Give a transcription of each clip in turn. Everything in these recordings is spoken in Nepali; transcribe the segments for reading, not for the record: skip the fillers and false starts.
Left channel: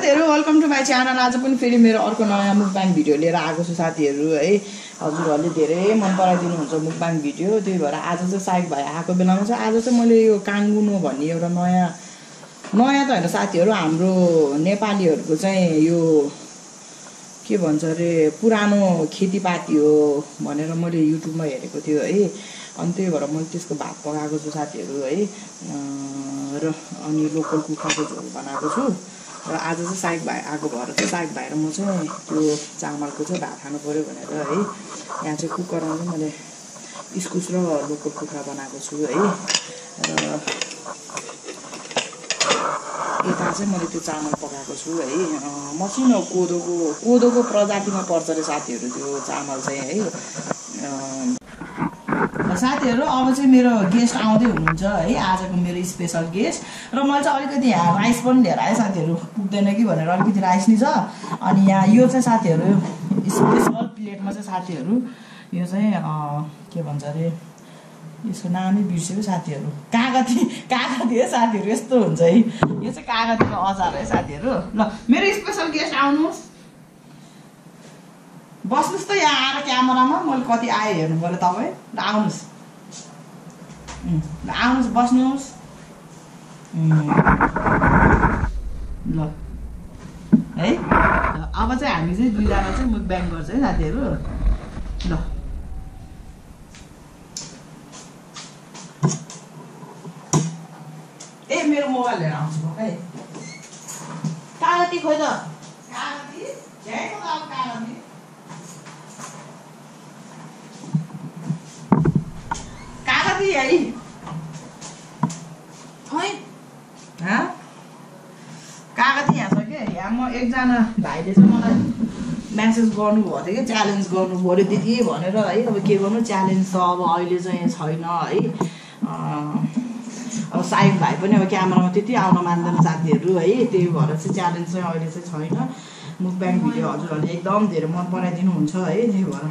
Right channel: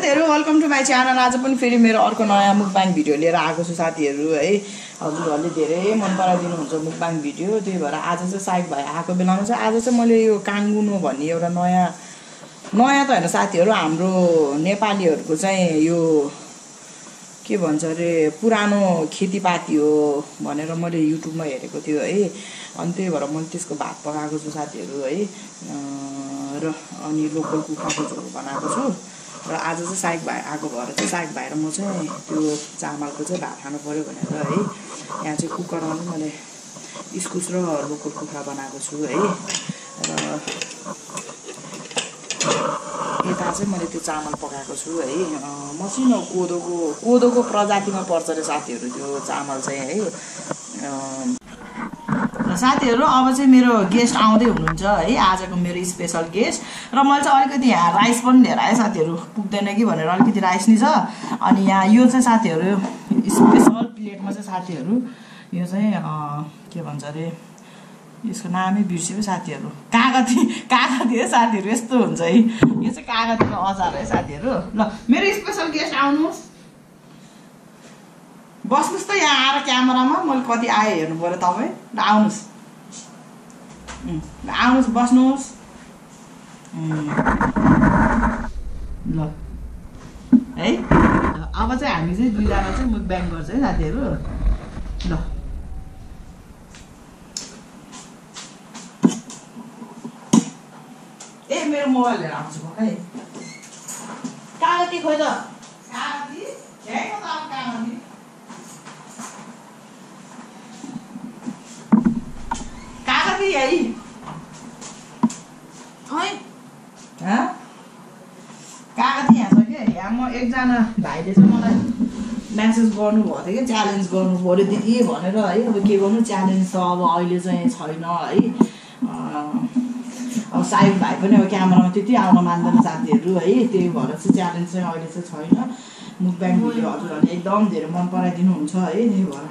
साथीहरु वेलकम टु माई च्यानल। आज पनि फेरि मेरो अर्को नयाँ मुकबाङ भिडियो लिएर आएको छु साथीहरु है। हजुरहरुले धेरै मन पराइदिनु हुन्छ मुकबाङ भिडियो, त्यही भएर आज चाहिँ साइक भाइ आएको बेलामा चाहिँ आज चाहिँ मैले यो काङ्गुनो भन्ने एउटा नयाँ त हैन साथीहरु, हाम्रो नेपालीहरुको चाहिँ यो के भन्छ रे पुरानो खेतीपाती हो भनेर मैले युट्युबमा हेरेको थियो है। अनि त्यही भएर मैले त्यसको भात पकाएको छु साथीहरु है। र अनि लोकल कुखुराको झोल बनाएको छु। र आज चाहिँ साइक भाइ आएको भएर चाहिँ साइक भाइ र म चाहिँ त्यो चामलको चाहिँ भात खानु पर्यो भनेर है। यहाँ चाहिँ कुकरमा चाहिँ मैले इस्कुस र लोकल कुखुरा बनाएको छु है। र यता चाहिँ मैले त्यो चामल पकाएको छु है। मसिनो कोदोको प्रजातिमा पर्छ रे साथीहरु त्यो चामल चाहिँ है। साथीहरु अब चाहिँ मेरो गेस्ट आउँदै हुनुहुन्छ है, आजको मेरो स्पेशल गेस्ट। र मैले चाहिँ अलिकति यहाँ राइस पनि लिएर आएँ साथीहरु, पुग्दैन कि भनेर अलिकति राइस नि छ। अनि यहाँ यो चाहिँ साथीहरु स्पेशल प्लेटमा चाहिँ साथीहरु यो चाहिँ के भन्छ रे यसको नामै बिर्सेँ साथीहरु, कागती है साथीहरु, यस्तो हुन्छ है। यो चाहिँ कागतीको अचार है साथीहरु। ल मेरो स्पेशल गेस्ट आउनुहोस्, बस्नुस् त यहाँ आएर क्यामेरामा। मैले कति आए हेर्नु पर्यो तपाईँ। ल आउनुहोस्, आउनुहोस् बस्नुहोस्। ल है अब चाहिँ हामी चाहिँ दुईजना चाहिँ मुकबाङ गर्छ है साथीहरु। ल ए मेरो मोबाइल लिएर आउँछु है। कागती खोइ त कागती झ्याङ त कागती कागती है खोइ कागती यहाँ छ क्या। यहाँ म एकजना भाइले चाहिँ मलाई म्यासेज गर्नुभएको थियो कि च्यालेन्ज गर्नु पर्यो दिदी भनेर है। अब के गर्नु, च्यालेन्ज त अब अहिले चाहिँ छैन है। अब साइक भाइ पनि अब क्यामेरामा त्यति आउन मान्दैन साथीहरु है। त्यही भएर चाहिँ च्यालेन्ज चाहिँ अहिले चाहिँ छैन। मुकबाङ भिडियो हजुरहरूले एकदम धेरै मन पराइदिनुहुन्छ है, त्यही भएर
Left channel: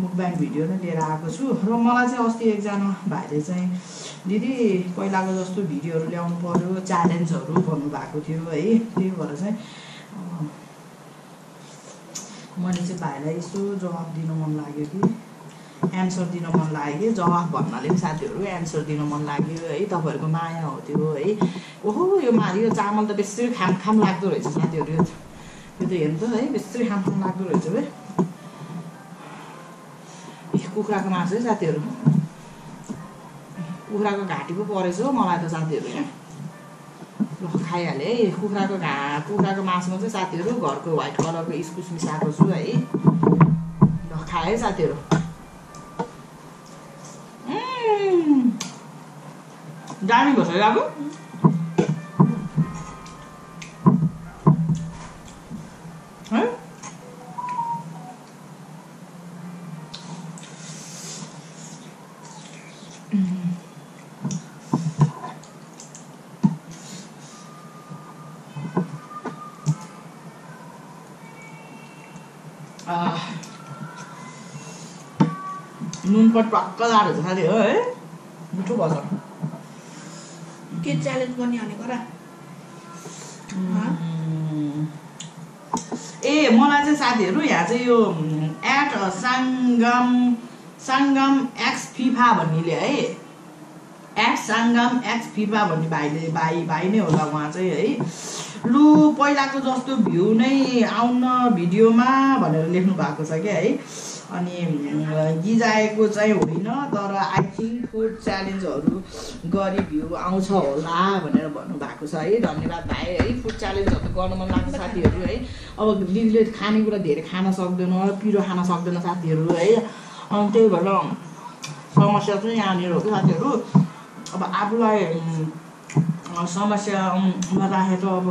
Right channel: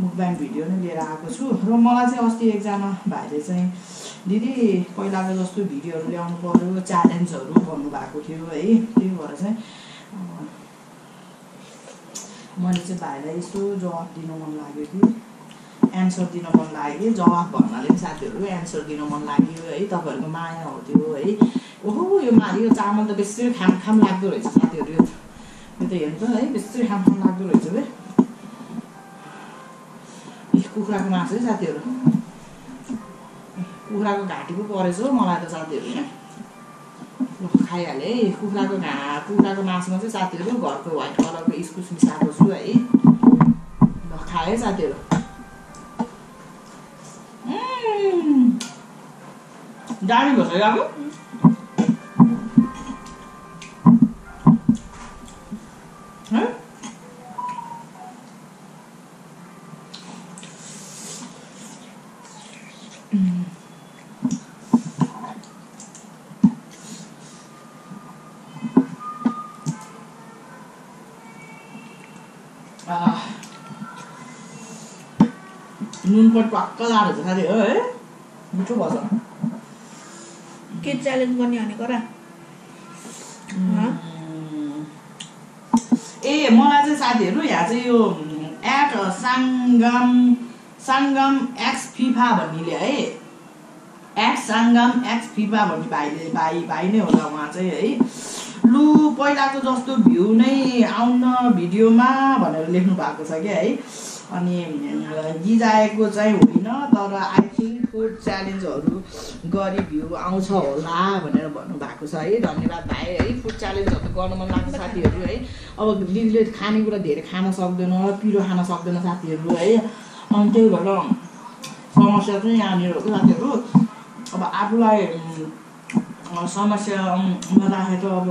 मुकबाङ भिडियो नै लिएर आएको छु। र मलाई चाहिँ अस्ति एकजना भाइले चाहिँ दिदी पहिलाको जस्तो भिडियोहरू ल्याउनु पर्यो च्यालेन्जहरू भन्नुभएको थियो है। त्यही भएर चाहिँ मैले चाहिँ भाइलाई यसो जवाब दिन मन लाग्यो कि एन्सर दिन मन लाग्यो। जवाब भन्नाले पनि साथीहरु एन्सर दिन मन लाग्यो है। तपाईहरुको माया हो त्यो है। ओहो यो चामल त बेसी खाम लाग्दो रहेछ साथीहरु। यो त हेर्नु त है बेसी खाम लाग्दो रहेछ बे। कुखुराको मासु है साथीहरु, कुखुराको घाँटी पो परेछ हो मलाई त साथीहरु। यहाँ ल खाइहाले है। कुखुराको मासुमा चाहिँ साथीहरु घरको व्हाइट कलरको इस्कुस मिसाएको छु है। ल खाए है साथीहरु। दामी भन्छ अब नुन पनि टक्क लाडो छ साथीहरु है, मिठो भन्छ। के च्यालेन्ज गर्ने भनेको र? ए मलाई चाहिँ साथीहरु यहाँ चाहिँ यो एट सङ्गम एक्स फिफा भन्नेले है, एट सङ्गम एक्स फिफा भन्ने भाइ नै होला उहाँ चाहिँ है। लु पहिलाको जस्तो भ्यू नै आउन भिडियोमा भनेर लेख्नु भएको छ क्या है। अनि गिजाएको चाहिँ होइन तर आई थिङ्क फुड च्यालेन्जहरू गरी भ्यू आउँछ होला भनेर भन्नुभएको छ है। धन्यवाद भाइ है। फुड च्यालेन्जहरू गर्नु मन लाग्छ साथीहरु है। अब दिदीले खानेकुरा धेरै खान सक्दैन, पिरो खान सक्दैन साथीहरु है। अनि त्यही भएर समस्या चाहिँ यहाँनिर हो कि साथीहरु। अब आफूलाई समस्यामा राखेर अब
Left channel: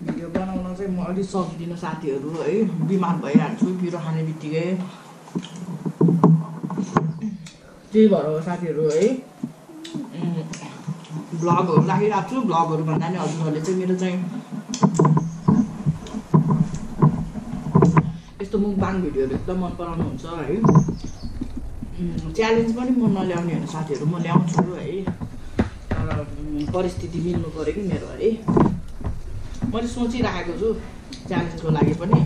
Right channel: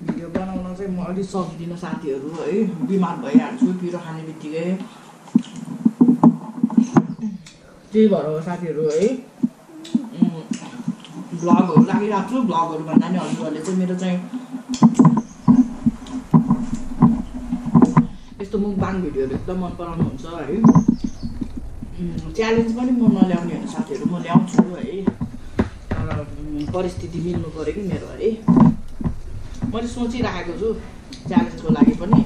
भिडियो बनाउन चाहिँ म अलि सक्दिनँ साथीहरु है। बिमार भइहाल्छु पिरो खाने बित्तिकै। त्यही भएर हो साथीहरु है। ब्लगहरू राखिरहेको छु। ब्लगहरू भन्दा नि हजुरहरूले चाहिँ मेरो चाहिँ यस्तो मुकबाङ भिडियोहरू एकदम मन पराउनुहुन्छ है। च्यालेन्ज पनि म नल्याउने होइन साथीहरु, म ल्याउँछु है। तर परिस्थिति मिल्नु पर्यो कि मेरो है। मैले सोचिराखेको छु च्यालेन्जको लागि पनि।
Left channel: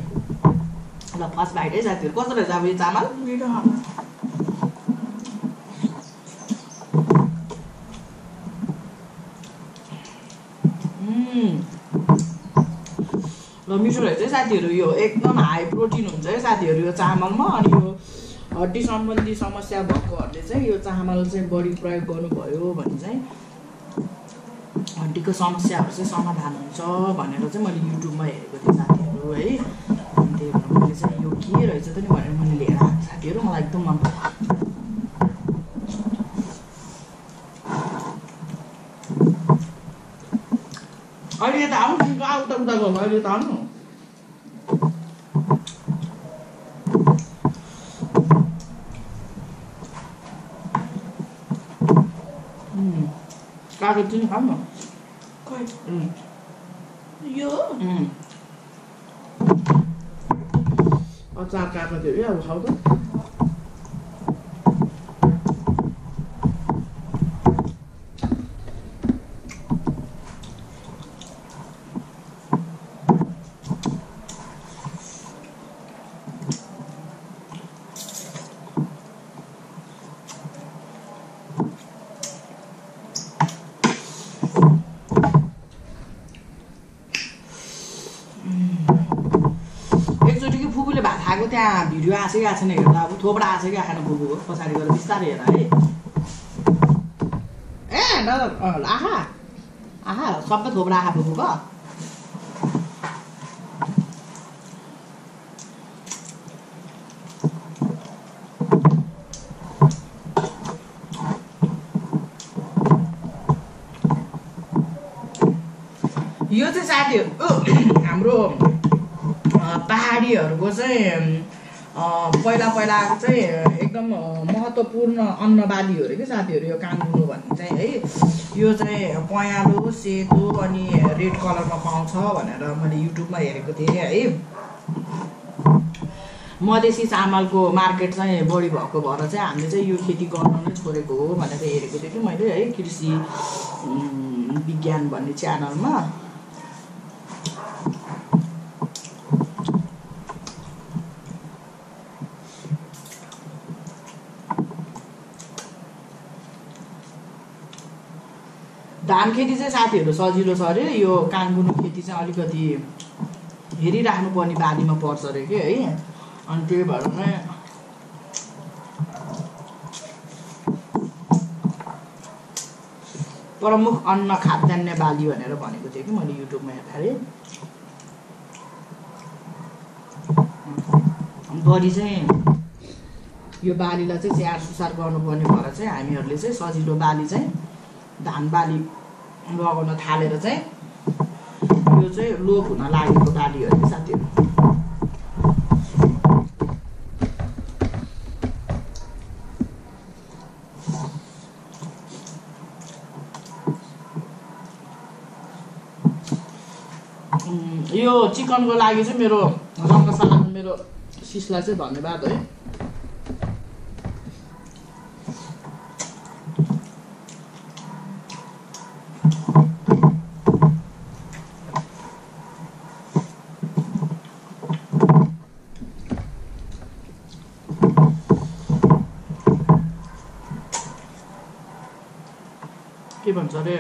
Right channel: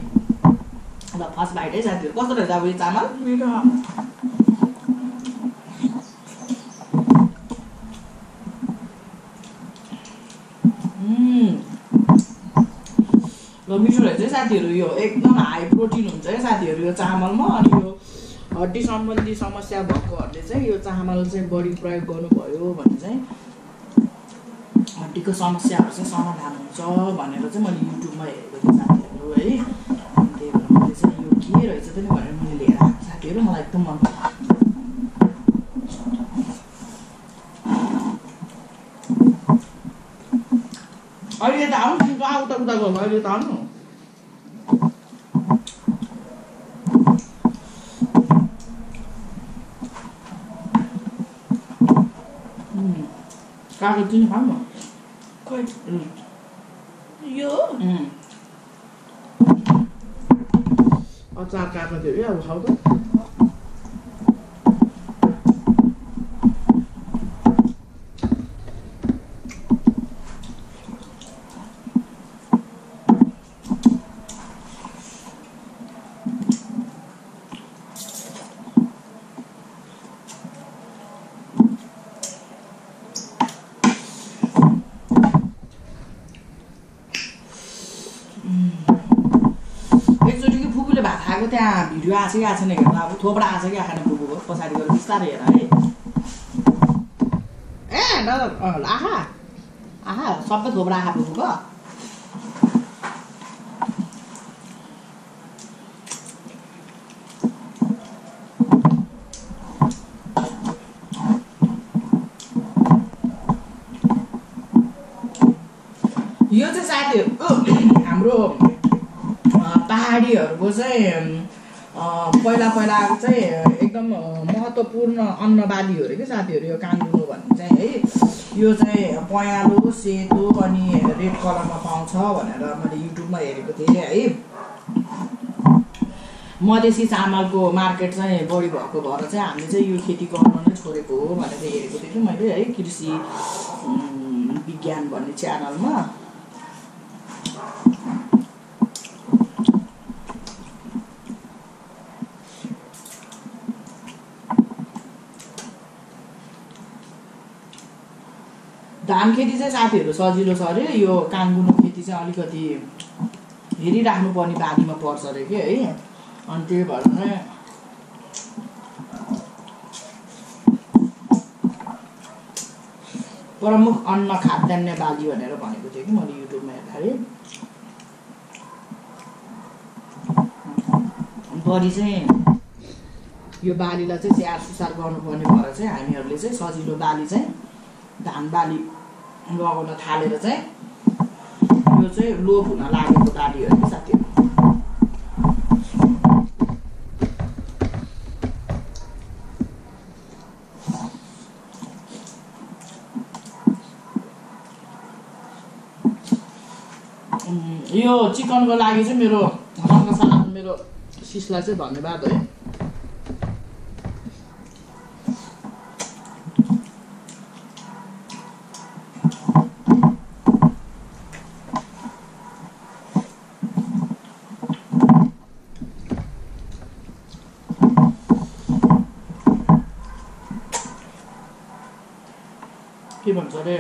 ल फर्स्ट बाइट है साथीहरू। कस्तो रहेछ अब यो चामल? मिठो। ल मिठो रहेछ है साथीहरू। यो एकदम हाई प्रोटिन हुन्छ है साथीहरू यो चामलमा। अनि यो हड्डी सम्बन्धी समस्या भएकोहरूले चाहिँ यो चामल चाहिँ बढी प्रयोग गर्नुभयो भने चाहिँ हड्डीको समस्याहरू चाहिँ समाधान हुन्छ भनेर चाहिँ मैले युट्युबमा हेरेको थिएँ साथीहरू है। अनि त्यही भएर मैले चाहिँ यो के रहेछ त नि भनेर मैले लिएर आएको साथीहरू। मलाई एकदम मन पर्यो। अहिले त आउनु कहाँ उता उता गर्नु, अहिले त आउनु। कागज चाहिँ खाऊ न। खै यो अचार कागजहरू अब खाऊ त। एकचोटिको फुपूले भात खाएको त्यहाँ भिडियो आएको छ कि आएको छैन हेर्दा अब थोपडा आएको छ कि आएन फुपूको पछाडि गएर बिस्तारै हेर है। ए आहा आहा सबै थोपडा आँखा फुपूको। यो चाहिँ साथीहरू हाम्रो पहाडीहरूको चाहिँ पहिला पहिलाको चाहिँ एकदम महत्त्वपूर्ण अन्नबाली हो अरे कि साथीहरू यो काङ्गुनो भन्ने चाहिँ है। यो चाहिँ पँयालो सेतो अनि रेड कलरमा पाउँछ भनेर मैले युट्युबमा हेरेको थिएँ है। मधेसी चामलको मार्केट चाहिँ बढी भएको भएर चाहिँ हामीले चाहिँ यो खेती गर्न नै छोडेको हो भनेर हेरेको थिएँ कि मैले है कृषि विज्ञान भन्ने च्यानलमा। धान खेती चाहिँ साथीहरू सजिलो छ अरे। यो काङ्गुनो खेती चाहिँ अलिकति हेरिराख्नुपर्ने बालीमा पर्छ अरे कि है। अनि त्यही भएर नै प्रमुख अन्न खाद्यान्न बाली भनेर भनेको थियो कि मैले युट्युबमा हेर्दाखेरि। बढी चाहिँ यो बालीलाई चाहिँ स्याहार सुसार गर्नुपर्ने भएर चाहिँ हामीहरूले चाहिँ सजिलो बाली चाहिँ धान बाली लगाउन थालेर चाहिँ यो चाहिँ लोप हुन लागेको बाली हो कि साथीहरू। यो चिकनको लागि चाहिँ मेरो रङ्गशालाको मेरो सिसलाई चाहिँ धन्यवाद है। के भन्छ अरे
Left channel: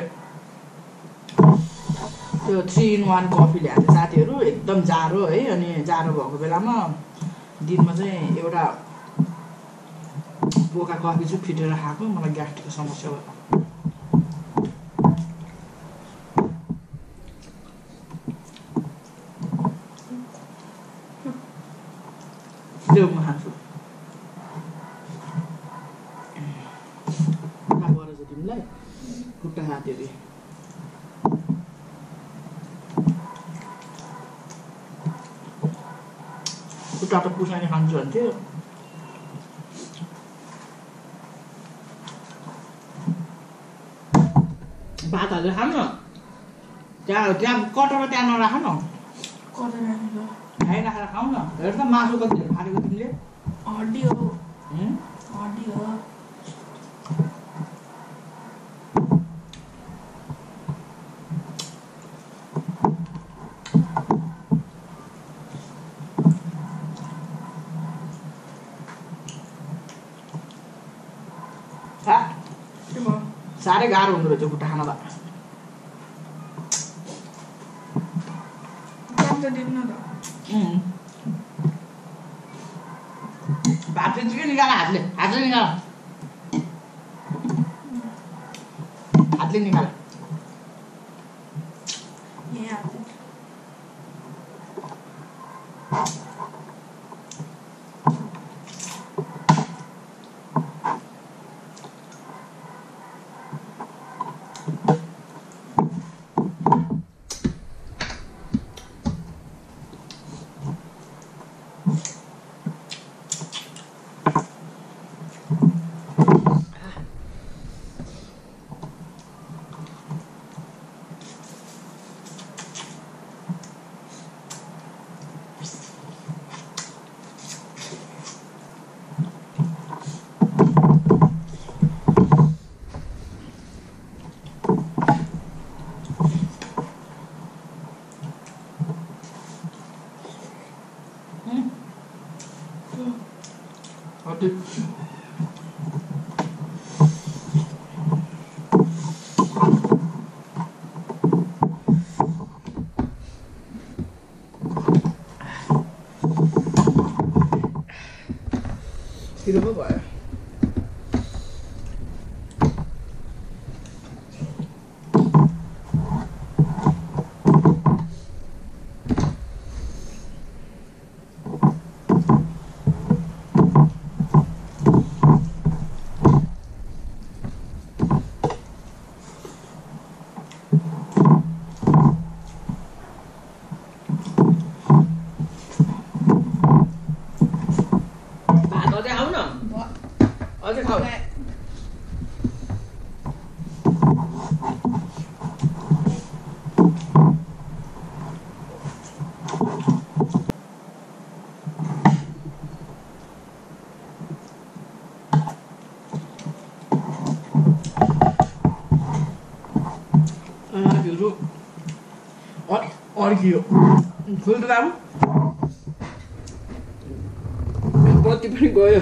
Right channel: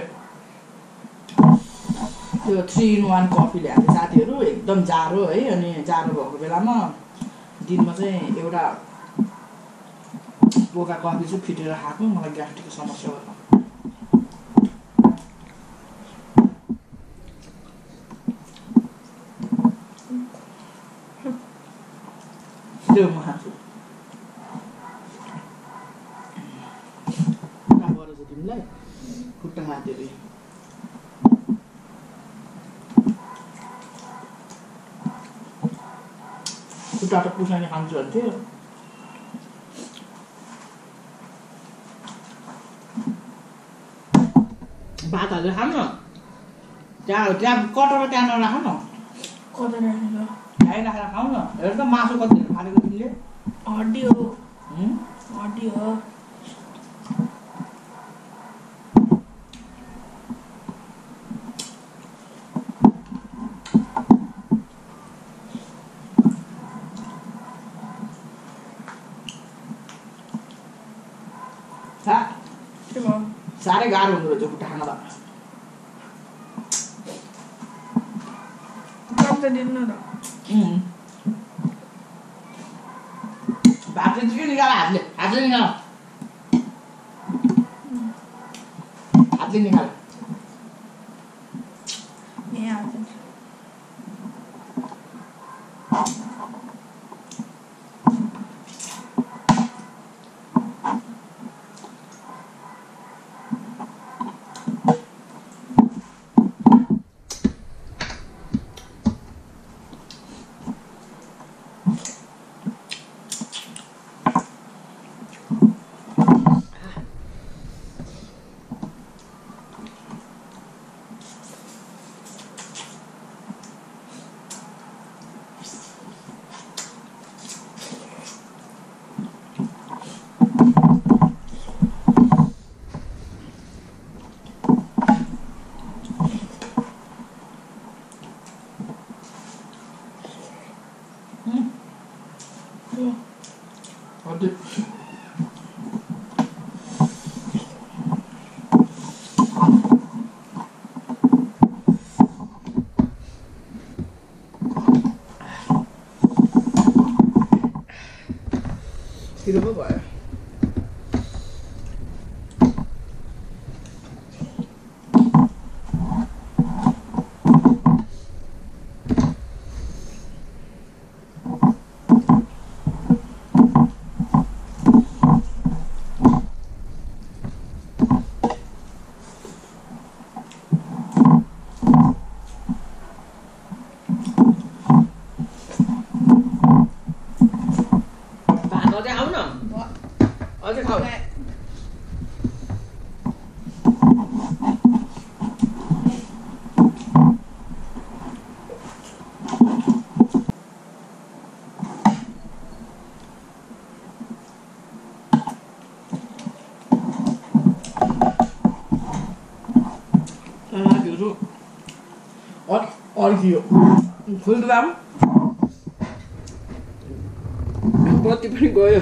त्यो 3-in-1 कफी ल्याएको थियो साथीहरू। एकदम जाडो है। अनि जाडो भएको बेलामा दिनमा चाहिँ एउटा बोका कफी चाहिँ फिटेर खाएको। मलाई ग्यास्ट्रिकको समस्या भयो। त्यो म खान्छु। खुट्टा परेछ तिमीलाई? खुट्टा खाँथ्यो खुट्टा त पुसाइने खान्छु भन्थ्यो। भात हालेर खाऊ न। त्यहाँ कटर त्यहाँ नराख न। कता राखेको? खाइ राखेर खाऊ न। हेर त मासु कति फालेको तिमीले। हड्डी हो। हड्डी हो। साह्रै गाह्रो हुँदो रहेछ खुट्टा खान त कम त दिनु न त भात चाहिँ के निकाल हातले निकाल हातले निकाल यहाँ हाल्दिन्छु हजुर पिरो पो भयो अझै आऊ न अझै खाऊ साथीहरू अर्कियो खोल्नु राम्रो बत्ती पनि गयो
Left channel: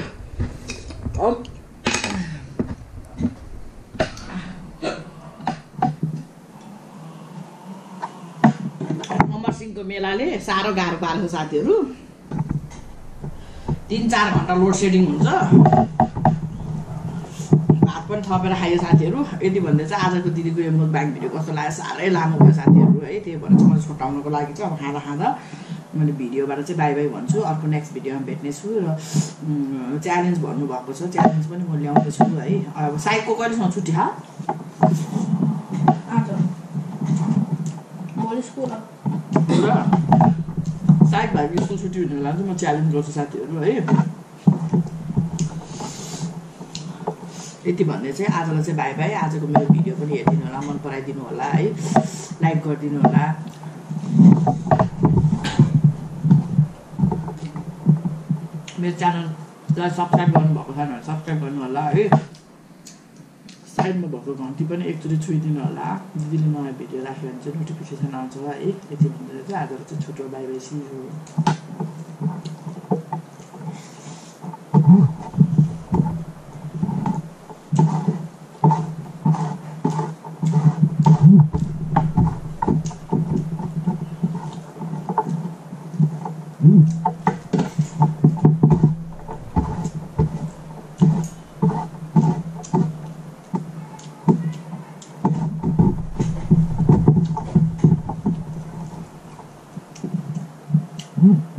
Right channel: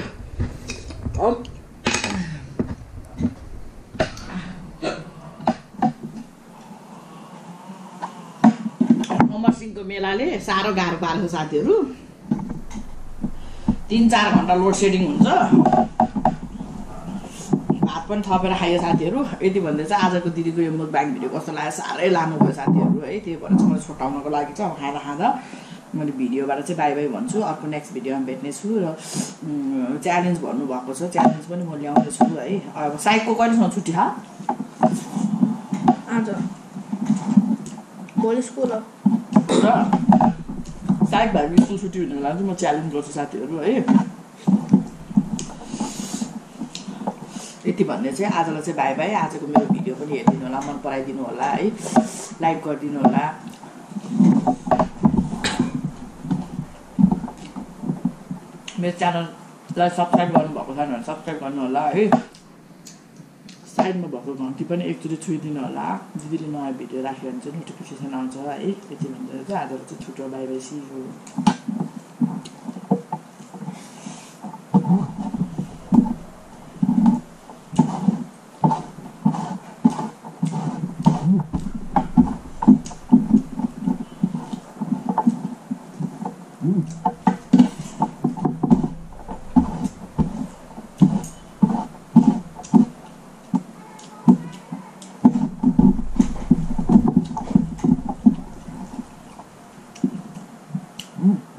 अमरसिंहको मेलाले साह्रो गाह्रो पारेको साथीहरू 3-4 घन्टा लोड सेडिङ हुन्छ भात पनि थपेर खायो साथीहरू यति भन्दै चाहिँ आजको दिदीको यो मुकबाङ भिडियो कस्तो लाग्यो साह्रै लामो भयो साथीहरू है त्यही भएर चाहिँ मैले छोटाउनको लागि चाहिँ अब खाँदा मैले भिडियोबाट चाहिँ बाई बाई भन्छु अर्को नेक्स्ट भिडियोमा भेट्नेछु र च्यालेन्ज भन्नुभएको छ च्यालेन्ज पनि म ल्याउँदैछु है अब साइकको कहिलेसम्म छुट्टी छ आज भोलि स्कुल र साइक भाइको स्कुल छुट्टी हुने बेला चाहिँ म च्यालेन्ज गर्छु साथीहरू है यति भन्ने चाहिँ आजलाई चाहिँ बाई बाई आजको मेरो भिडियो पनि हेरिदिनु होला मन पराइदिनु होला है लाइक गरिदिनु होला मेरो च्यानललाई सब्सक्राइब गर्नुभएको छैन भने सब्सक्राइब गर्नु होला है साइडमा भएको घन्टी पनि एकचोटि छुइदिनु होला दिदीले नयाँ भिडियो राख्यो भने चाहिँ नोटिफिकेसन आउँछ है यति भनेर चाहिँ आजलाई चाहिँ छुट्यो bye bye see you Mm.